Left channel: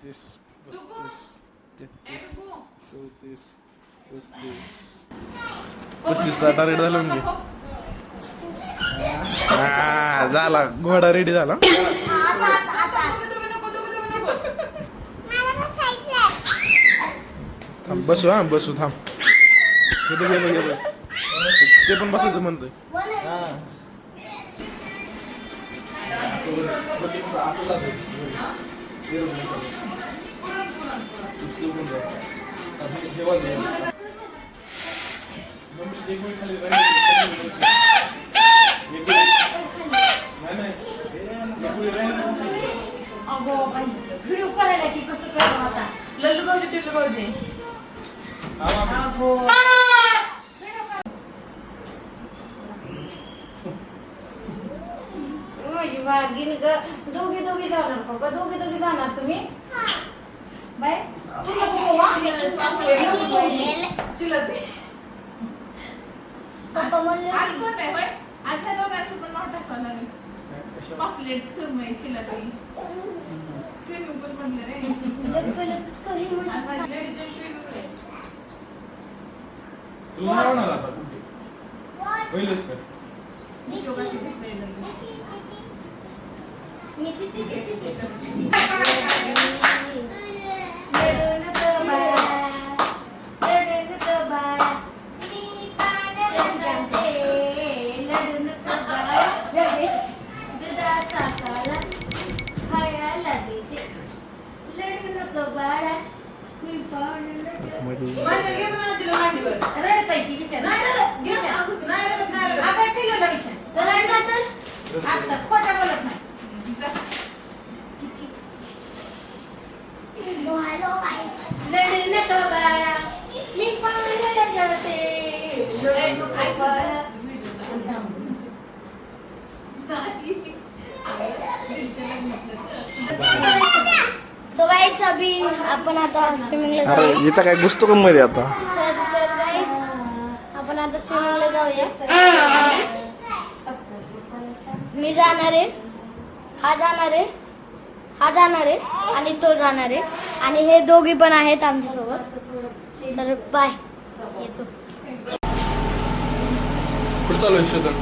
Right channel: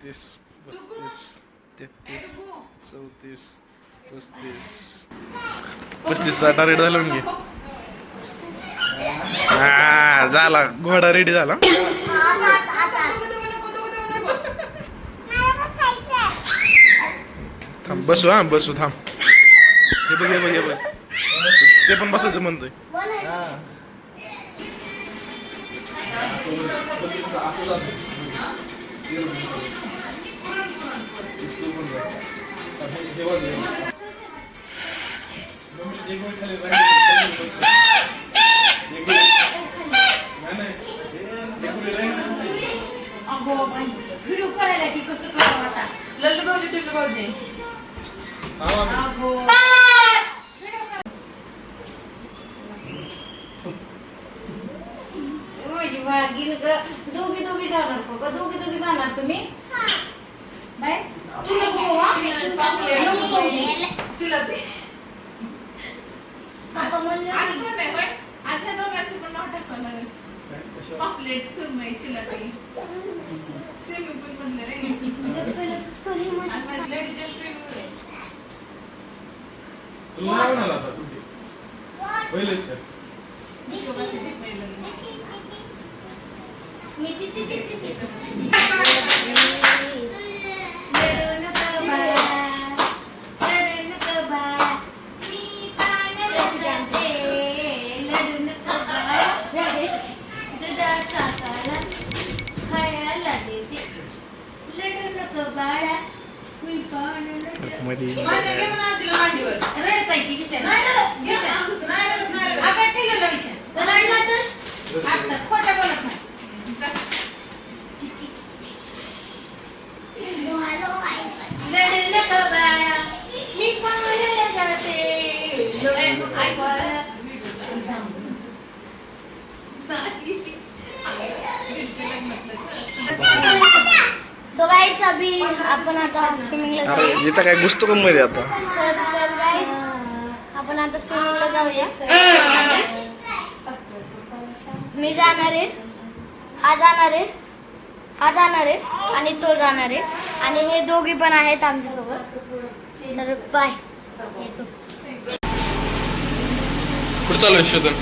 31, 32, 33, 34, 35, 35चा target झाला म्हणजे हा झाला घोडा रेडी झाला. थांब बसू हा बसू थांब. हे बघ हे बघ हे बघ ते पण बसायचं म्हणतोय. व्हिडिओ करायला की कसं करावं आता लल्लू भाऊजी टिल्लू भाऊजी दोघी दोघी जाणार का दोघी दोघी जाणार तुम्ही बाय आज ह्या दोघांचं पण नाव टाकलं नाही. पॉपलेट सुरमई चिलपी स्विमिंग पूल मधले रे. आज माझी लेडीज स्विमिंग पूल आहे. तुला नाव नाही आला पहिलेच का? मी दोघांशी भेटलेलो नाही. तो गाइस अभी आपण आता स्विमिंगला अरे जाऊया. इथं काय घुसतो का मध्ये आता? तर गाइस आपण आता स्विमिंगला जाऊया. मी जाणार आहे, हा जाणार आहे, हा जाणार आहे आणि तो जाणार आहे आणि हे दोघी पण आहेत आमच्या सोबत. तर बाय. येतो कुठं चालू आहे शोधन?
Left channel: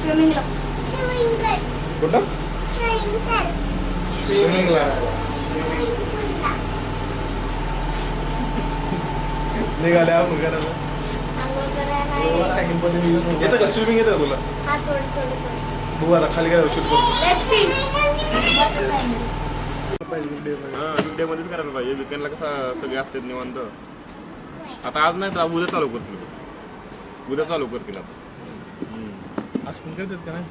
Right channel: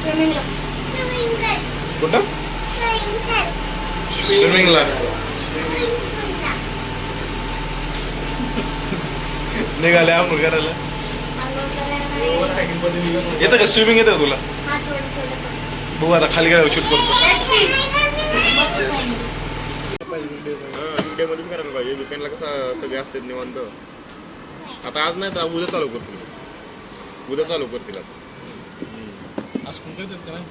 स्विमिंगला. कुठं? स्विमिंगला. निघाले आपण करायला. येतं का स्विमिंग येतं का तुला? हा थोडं थोडं. बघू आता खाली काय शूट करतो. Let's see. व्हिडिओ मध्येच करायला पाहिजे. विकेंडला कसं सगळे असतात निवांत. आता आज नाही तर उद्या चालू करतील. उद्या चालू करतील आता. आज कोण करतात का नाही?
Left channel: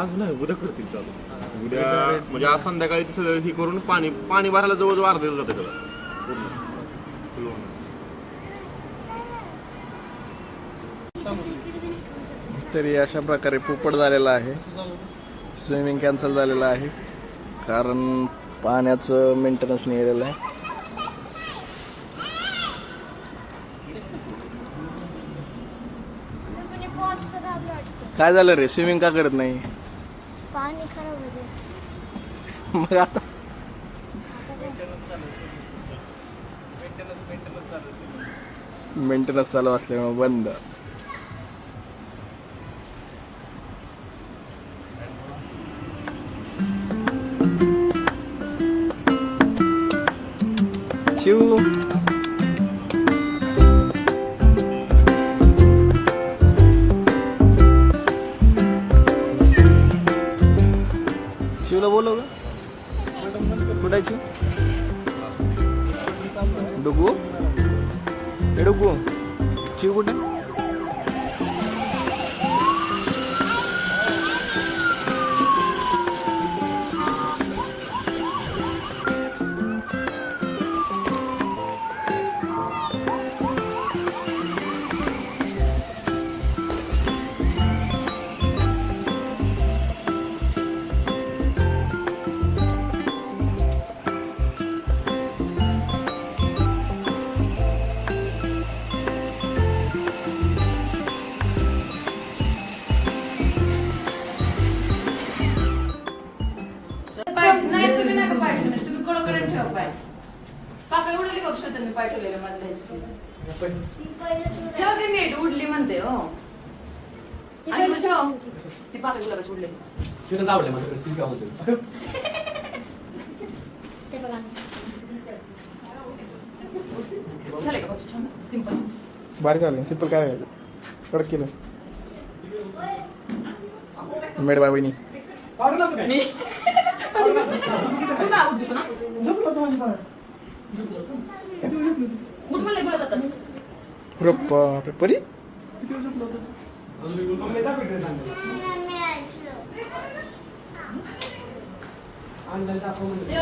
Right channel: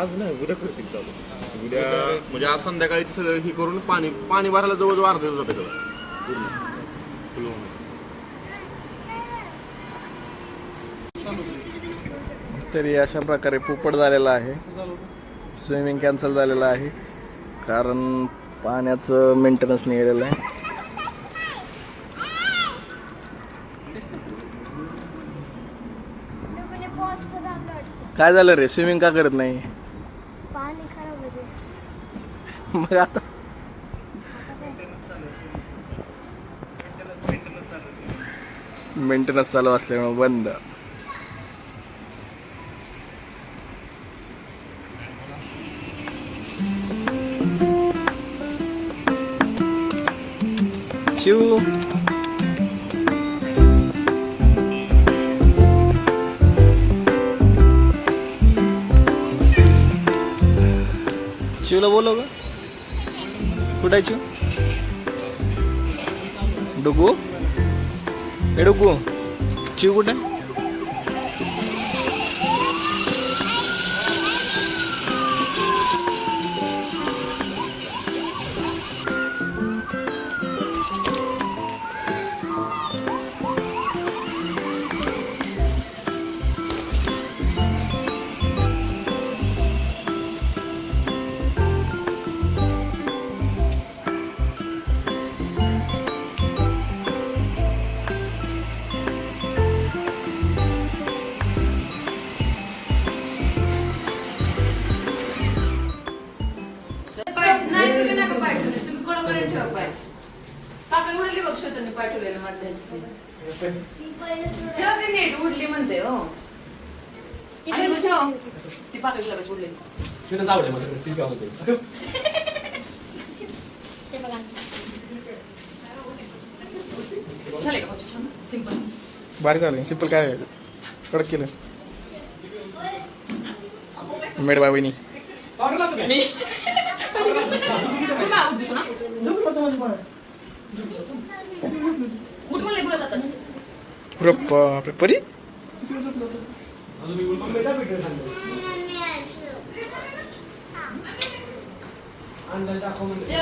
आज नाही उद्या करतील चालू. उद्या म्हणजे आज संध्याकाळी ते सगळं हे करून पाणी भरायला जवळजवळ अर्धा दिवस जाते त्याला पूर्ण. तरी अशा प्रकारे पोपट झालेला आहे. स्विमिंग कॅन्सल झालेलं आहे कारण पाण्याचं मेंटेनन्स नाही केलेलं आहे. काय झालं रे स्विमिंग का करत नाही? पाणी खराब होते. मग आता मेंटेनन्स चालू असल्यामुळे बंद. शिव शिवला बोलव का? कुठायची डुगू हे डुगू शिव कुठे? पर्यंत ठेवा पाय. काका उडली बघ त्यांनी पाठवलेलं मधल्या ह्याच्यातली. ठेवा ती नीट उडली म्हणते हो. आणि मग ठेवा. ती पाकळी गुलाबाची उडलेली. शिवण्यात आवडलं माझ्याकडे सिंपल होतं. ते बघा झाले का पाचू छान सिंपल. भारी झालं सिम्पल काय कडक केलं मेड बाय वहिनी पावडर लावतो काय? मी कुठं उठ दिसू ना उठ म्हणले गुलाब जातात. अरे बापरे परी मम्मीचा पिठलं सांगतो. अंदाज दाखव म्हणजे. ते